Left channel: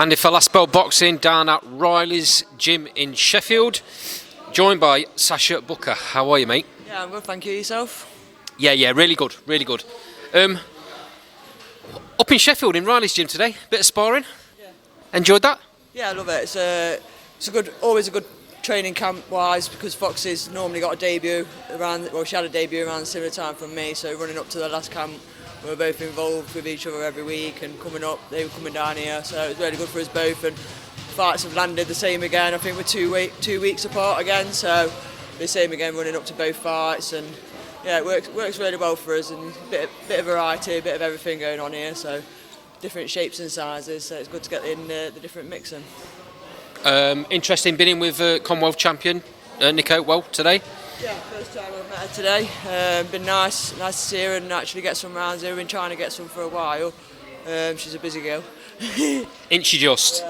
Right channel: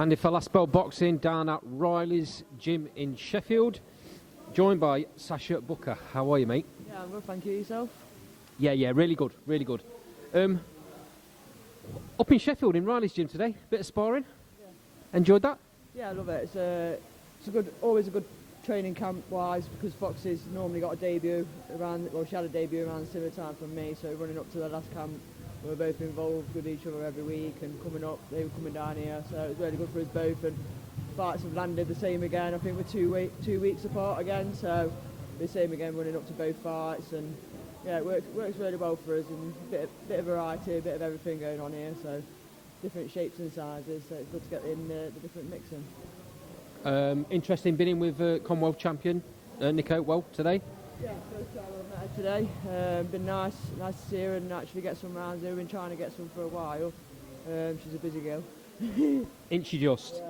Andy Falaspel boxing down at Riley's gym in Sheffield, joined by Sasha Booker. How are you, mate? Yeah, I'm good, thank you. Yourself? Yeah, really good, really good. Up in Sheffield in Riley's gym today, bit of sparring. Yeah. Enjoyed that? Yeah, I love it. It's a good, always a good training camp wise because Foxy's normally got a debut around. Well, she had a debut around the similar time from me, so running up to the last camp, we were both involved with each other every week and coming up. They were coming down here, so it was really good for us both. And fights have landed the same again. I think we're 2 weeks apart again, so the same again running up to both fights. And yeah, it works really well for us, and bit of variety, a bit of everything going on here. So different shapes and sizes, so it's good to get in the different mix in. Interesting, been in with Commonwealth champion Nico well today. Yeah, first time I've met her today. Been nice to see her and actually get some rounds here. We've been trying to get some for a while. She's a busy girl. Ain't she just?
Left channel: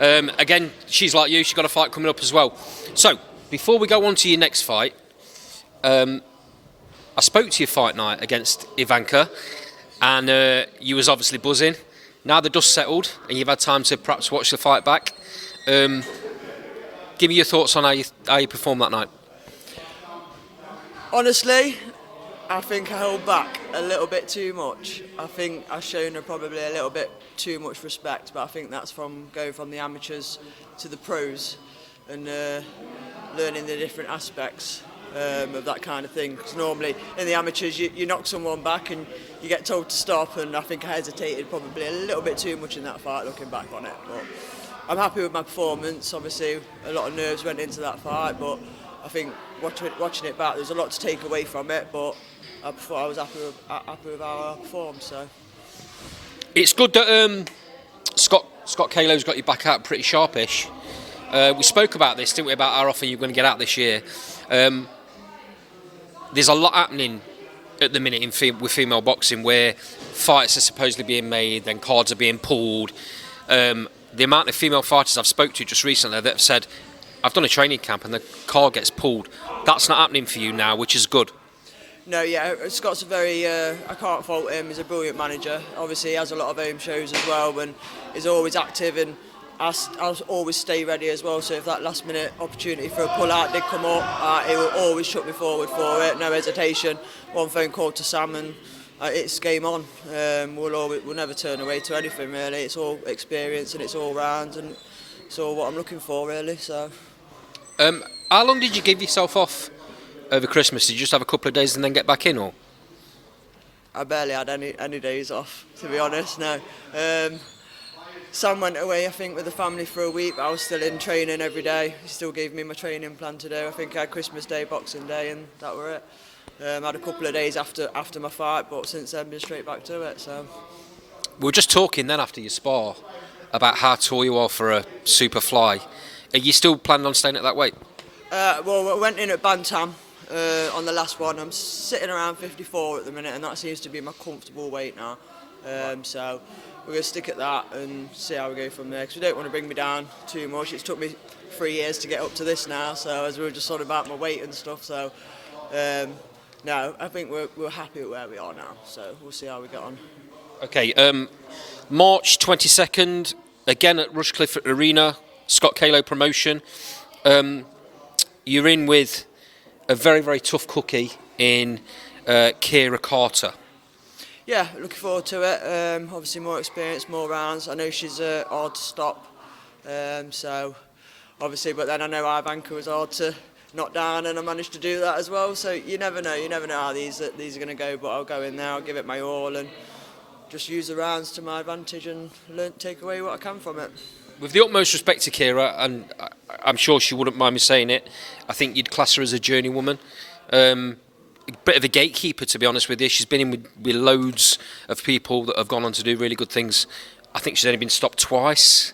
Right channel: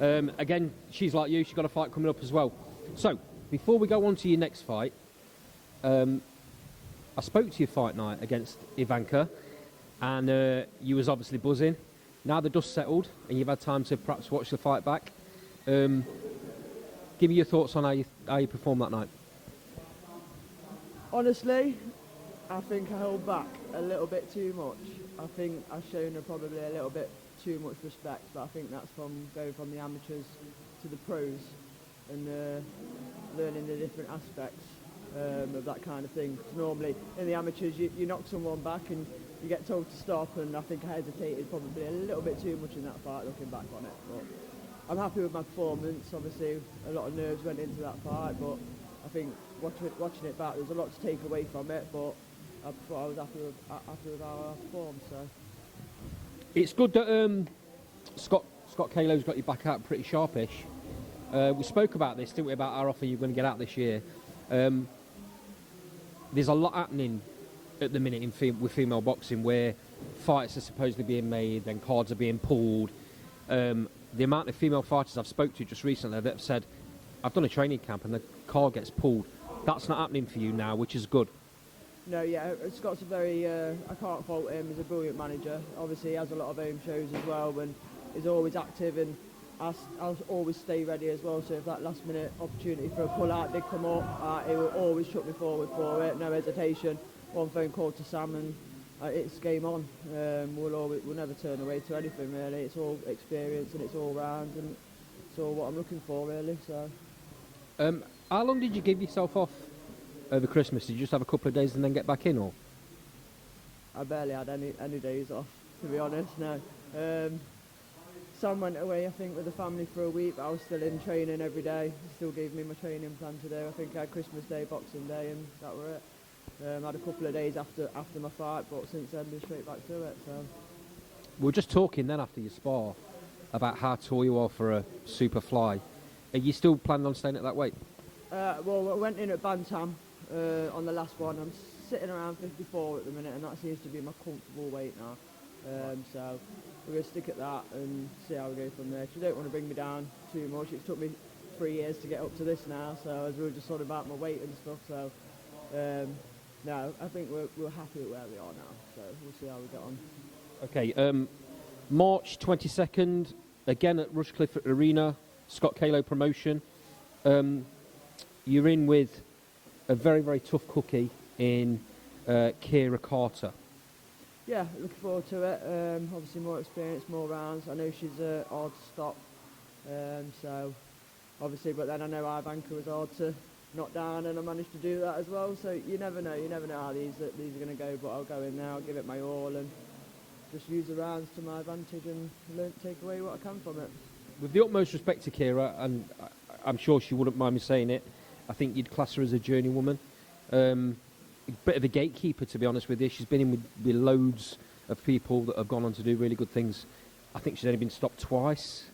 Again, she's like you, she's got a fight coming up as well. So, before we go on to your next fight, I spoke to you fight night against Ivanka, and you was obviously buzzing. Now the dust settled and you've had time to perhaps watch the fight back. Give me your thoughts on how you performed that night. Honestly, I think I held back a little bit too much. I think I've shown her probably a little bit too much respect, but I think that's from going from the amateurs to the pros and learning the different aspects of that kind of thing. Because normally in the amateurs you knock someone back and you get told to stop, and I think I hesitated probably a little bit too much in that fight looking back on it. But I'm happy with my performance. Obviously a lot of nerves went into that fight, but I think watching it back, there's a lot to take away from it, but I was happy with how I performed. So it's good that Scott Kalo's got you back out pretty sharpish. We spoke about this, didn't we, about how often you're going to get out this year. There's a lot happening at the minute with female boxing where fights are supposedly being made, then cards are being pulled. The amount of female fighters I've spoke to just recently that have said, I've done a training camp and the card gets pulled. That's not happening for you now, which is good. No, yeah, Scott's a very, I can't fault him, he's a brilliant manager. Obviously he has a lot of home shows as well and he's always active, and I'll always stay ready as well, so if that last minute opportunity for a pull out did come up, he will always shut me forward for it, no hesitation. One phone call to Sam and it's game on. We'll never turn away to anything really. It's all experience and it's all round and it's all what I'm looking for really. So. How long did you give yourself off over Christmas? Did you just have a couple of days and then get back in, or? I barely had any days off, to be honest. No. Sam went away, I think, with the family for a week, but I was still in training every day. He still gave me my training plan to do. I think I had Christmas Day, Boxing Day, and that were it. I had a couple of days after my fight, but since then, been straight back to it. So. We were just talking then after your spar about how tall you are for a super fly. Are you still planning on staying at that weight? Well, I went in at Bantam on the last one. I'm sitting around 54 at the minute, and that seems to be my comfortable weight now. So we're going to stick at that and see how we go from there, because we don't want to bring me down too much. It's took me 3 years to get up to this now, so as we were just sort of about my weight and stuff. So no, I think we're happy with where we are now, so we'll see how we get on. Okay, March 22nd, again at Rushcliffe Arena, Scott Kalo promotion. You're in with a very, very tough cookie in Kira Carter. Yeah, looking forward to it. Obviously more experience, more rounds. I know she's hard to stop, so obviously, but then I know Ivanka was hard to knock down, and I managed to do that as well. So you never know how these are going to go. But I'll go in there, I'll give it my all, and just use the rounds to my advantage and take away what I can from it. With the utmost respect to Kira, and I'm sure she wouldn't mind me saying it, I think you'd class her as a journeywoman. A bit of a gatekeeper, to be honest with you. She's been in with loads of people that have gone on to do really good things. I think she's only been stopped twice,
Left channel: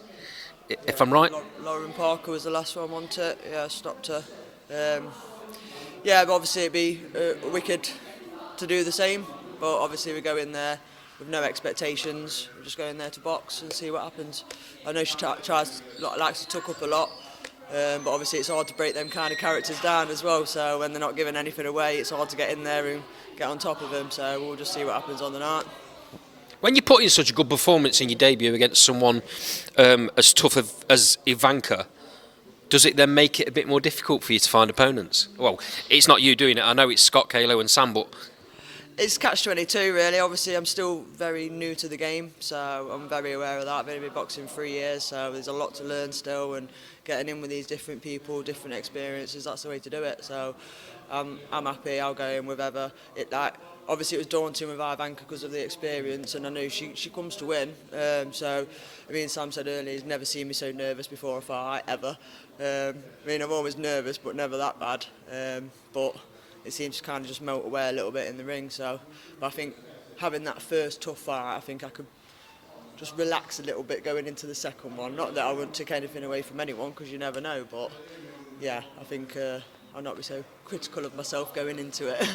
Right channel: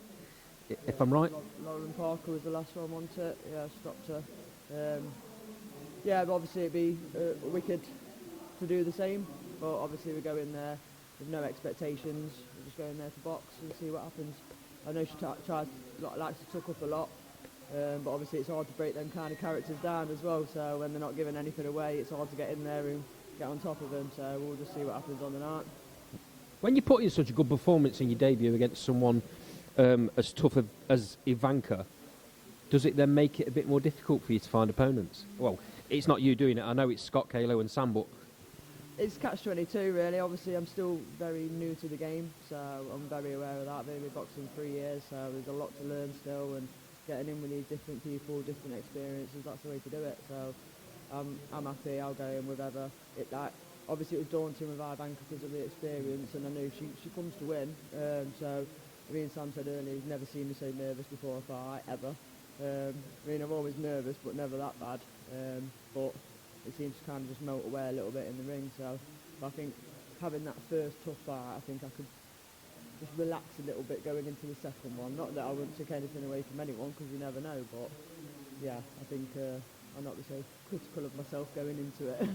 if I'm right. Lauren Parker was the last one, wasn't it? Yeah, I stopped her. Yeah, but obviously it'd be wicked to do the same, but obviously we go in there with no expectations. We're just going there to box and see what happens. I know she likes to tuck up a lot, but obviously it's hard to break them kind of characters down as well, so when they're not giving anything away, it's hard to get in there and get on top of them, so we'll just see what happens on the night. When you put in such a good performance in your debut against someone as tough as Ivanka, does it then make it a bit more difficult for you to find opponents? Well, it's not you doing it. I know it's Scott, Kalo and Sam, but... It's catch-22 really. Obviously I'm still very new to the game, so I'm very aware of that. I've only been boxing 3 years, so there's a lot to learn still, and getting in with these different people, different experiences, that's the way to do it. So I'm happy, I'll go in with whoever. Obviously it was daunting with Ivanka because of the experience, and I knew she comes to win. So I mean, Sam said earlier he's never seen me so nervous before a fight, ever. I mean, I'm always nervous, but never that bad. But it seems to kind of just melt away a little bit in the ring. So but I think having that first tough fight, I think I could just relax a little bit going into the second one. Not that I wouldn't take anything away from anyone, because you never know, but yeah, I think I'll not be so critical of myself going into it.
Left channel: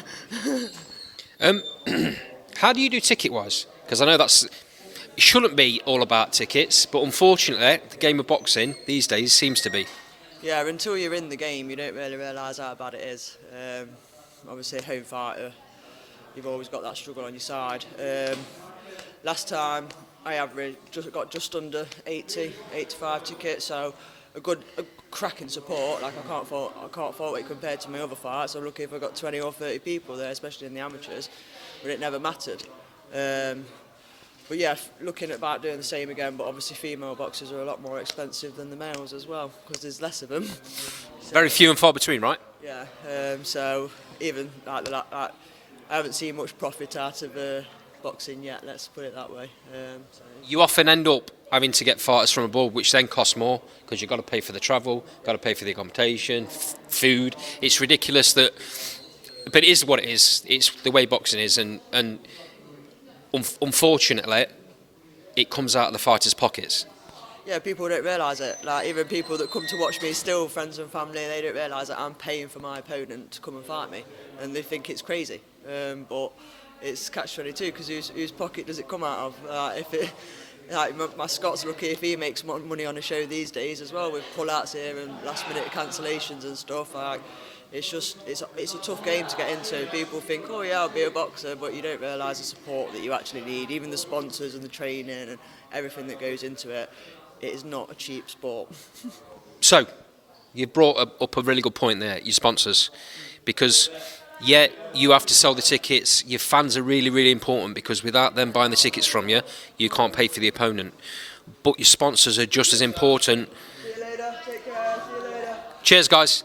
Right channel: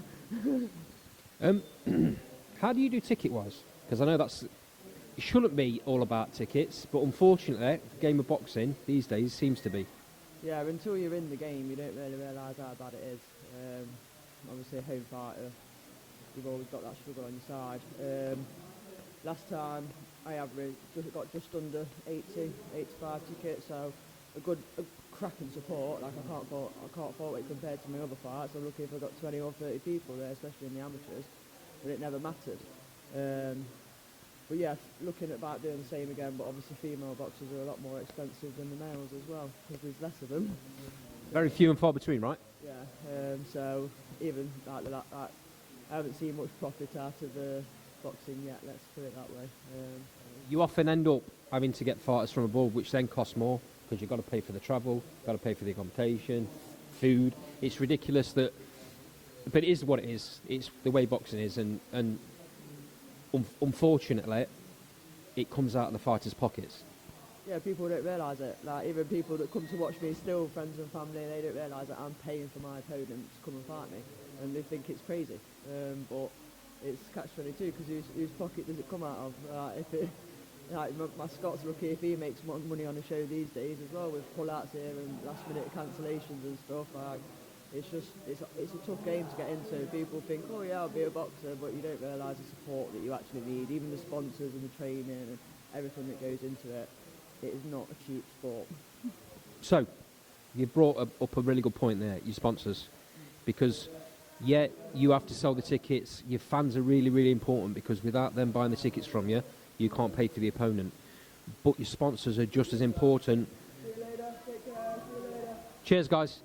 How do you do ticket-wise? Because I know it shouldn't be all about tickets, but unfortunately, the game of boxing these days seems to be. Yeah, until you're in the game, you don't really realise how bad it is. Obviously, home fighter, you've always got that struggle on your side. Last time, I got just under 85 tickets, so a cracking support. Like I can't fault it compared to my other fights. I'm lucky if I got 20 or 30 people there, especially in the amateurs, but it never mattered. But yeah, looking at about doing the same again, but obviously female boxers are a lot more expensive than the males as well, because there's less of them. So, very few and far between, right? Yeah, so even like I haven't seen much profit out of boxing yet, let's put it that way. So. You often end up having to get fighters from abroad, which then costs more, because you've got to pay for the travel, got to pay for the accommodation, food. It's ridiculous that, but it is what it is. It's the way boxing is, and unfortunately, it comes out of the fighters' pockets. Yeah, people don't realise it. Like, even people that come to watch me, still friends and family, they don't realise that I'm paying for my opponent to come and fight me, and they think it's crazy. But it's catch-22, because whose pocket does it come out of? My Scott's lucky if he makes money on a show these days as well, with pull-outs here and last-minute cancellations and stuff. It's a tough game to get into. People think, oh yeah, I'll be a boxer, but you don't realise the support that you actually need, even the sponsors and the training and everything that goes into it. It is not a cheap sport. So, you brought up a really good point there, your sponsors, because yeah, you have to sell the tickets. Your fans are really, really important, because without them buying the tickets from you, you can't pay for the opponent. But your sponsors are just as important. See you later. Take care. See you later. Cheers, guys.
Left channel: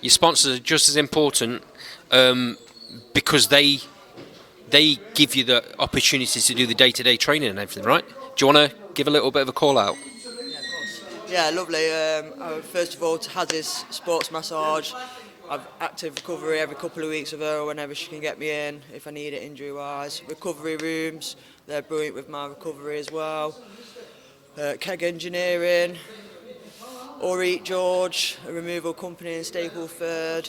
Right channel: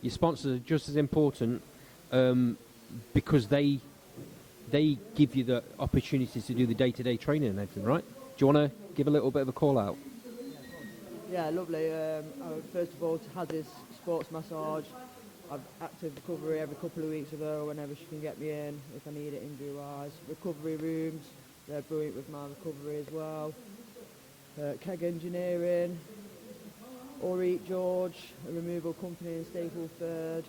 Your sponsors are just as important because they give you the opportunity to do the day-to-day training and everything, right? Do you want to give a little bit of a call out? Yeah, lovely. First of all, to Haz's Sports Massage. I've active recovery every couple of weeks with her, whenever she can get me in, if I need it injury-wise. Recovery rooms, they're brilliant with my recovery as well. Keg Engineering. Or Eat George, a removal company in Stapleford.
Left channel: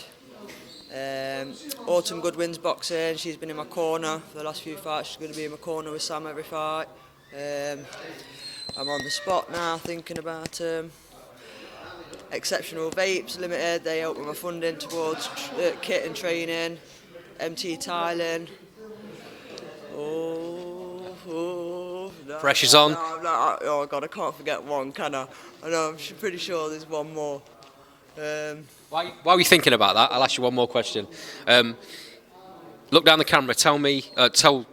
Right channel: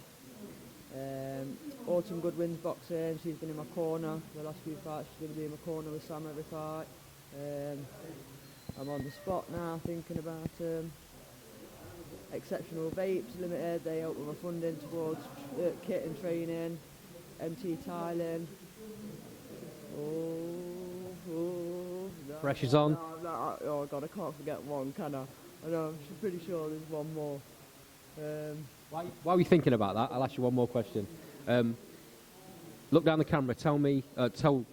Autumn Goodwin's boxing, she's been in my corner for the last few fights. She's going to be in my corner with Sam every fight. I'm on the spot now thinking about Exceptional Vapes Limited. They help with my funding towards kit and training. MT Tiling. Pressure's on. Oh God, I can't forget one, can I? I know, I'm pretty sure there's one more. While you're thinking about that, I'll ask you one more question. Look down the camera. Tell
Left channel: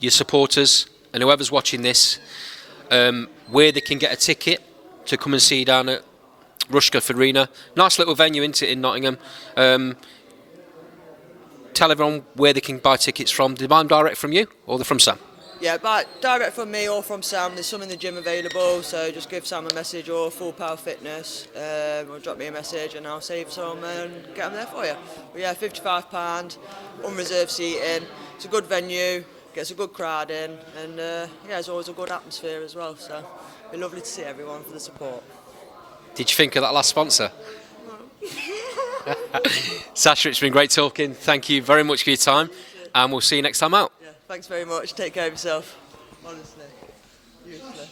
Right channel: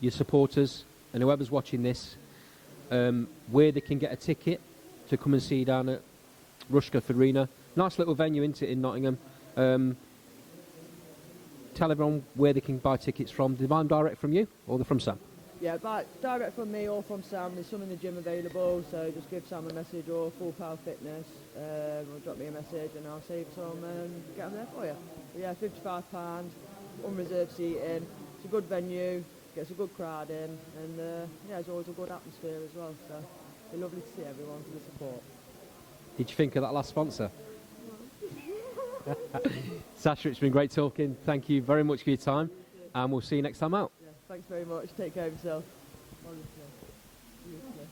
your supporters and whoever's watching this where they can get a ticket to come and see you down at Rushcliffe Arena. Nice little venue, isn't it, in Nottingham? Tell everyone where they can buy tickets from. Do they buy them direct from you, or they're from Sam? Yeah, but direct from me or from Sam. There's some in the gym available, so just give Sam a message, or Full Power Fitness, or drop me a message and I'll save some and get them there for you. But yeah, £55, unreserved seating. It's a good venue, gets a good crowd in, and yeah, there's always a good atmosphere as well. So it'd be lovely to see everyone for the support. Did you think of that last sponsor? Sasha, it's been great talking. Thank you very much for your time, and we'll see you next time out. Yeah, thanks very much. Take care of yourself. Honestly, useless.